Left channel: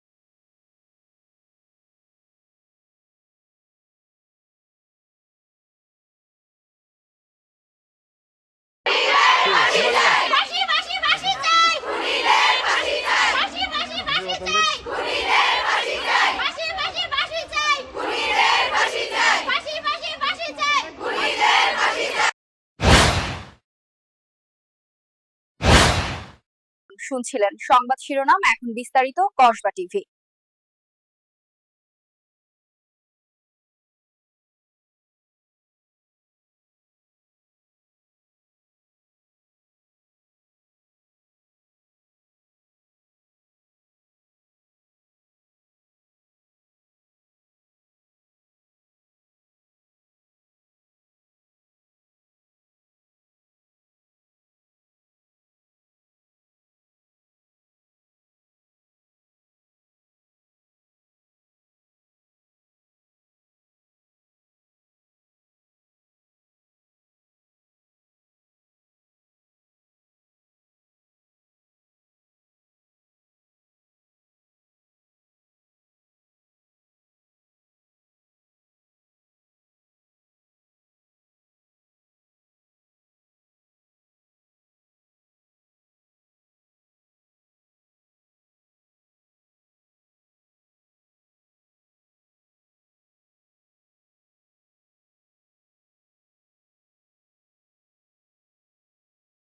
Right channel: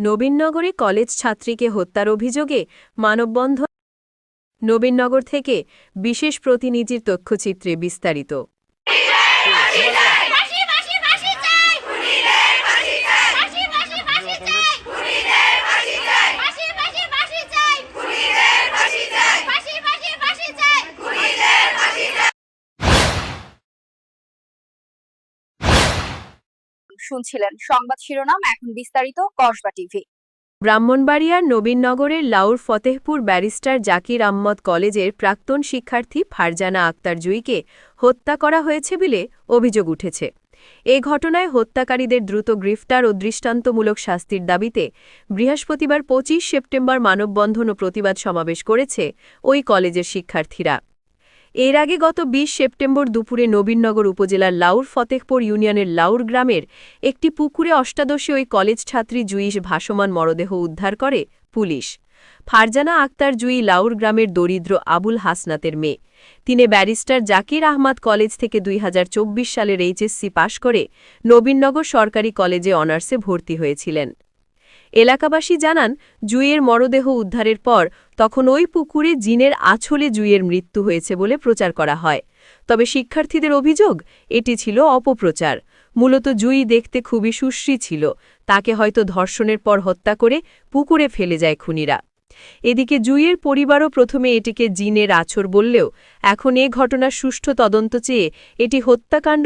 নবীনগরে college ছাত্রীকে হত্যার অভিযোগে মানববন্ধন নবীনগর থেকে বিশেষ প্রতিনিধির তথ্যচিত্রে বিস্তারিত। শুনছিলেন। সংবাদ শিরোনাম এখন বিস্তারিত, কসবা টিভি। ব্রাহ্মণবাড়িয়ার নবীনগরের লাউর ফতেহপুর ব্যারিস্টার জাকির আহমদ কলেজের প্রাক্তন শিক্ষার্থী ফারজানা আক্তার জুইকে হত্যা করা হয়েছে বলে অভিযোগ উঠেছে। এ ঘটনায় হত্যাকারীদের দ্রুত গ্রেফতার ও দৃষ্টান্তমূলক শাস্তির দাবিতে বৃহস্পতিবার পঁচিশ সেপ্টেম্বর মানববন্ধন ও প্রতিবাদ সমাবেশ করেছে ওই কলেজের শিক্ষার্থীরা। এর আগে গত ২০ সেপ্টেম্বর দুপুরে নবীনগর উপজেলার লাউর ফতেহপুর ইউনিয়নের লাউর গ্রামের একটি পুকুরে অষ্টাদশী ওই কলেজ ছাত্রী জুইশ ভাসমান মরদেহ উদ্ধার করে পুলিশ। ফারজানা আক্তার জুই লাউর গ্রামের দরিদ্র আবুল হাসনাতের মেয়ে। তিনি ব্যারিস্টার জাকির আহমাদ কলেজ থেকে দুই হাজার চব্বিশ সালের এইচএসসি পাশ করে নবীনগর সরকারি কলেজে অনার্সে ভর্তি হয়েছিলেন। এলাকাবাসী জানান, জুইয়ের মরদেহ উদ্ধারের পর তখন ওই পুকুরে জিনের আছলে জুইয়ের মৃত্যু হয়েছে বলে প্রচার করা হয়। তবে শিক্ষার্থীদের অভিযোগ, এটি ছিল অপপ্রচার। মূলত জুই দেখতে খুবই সুশ্রী ছিল। তাকে হয়তো ধর্ষণের পর হত্যা করে পুকুরে ফেলে যায় খুনিরা। এদিকে জুইয়ের পরিবারও প্রথমে এটিকে জিনের আছর বললেও, এখন এ ঘটনার সুষ্ঠু তদন্ত চেয়ে এটি হত্যাকাণ্ড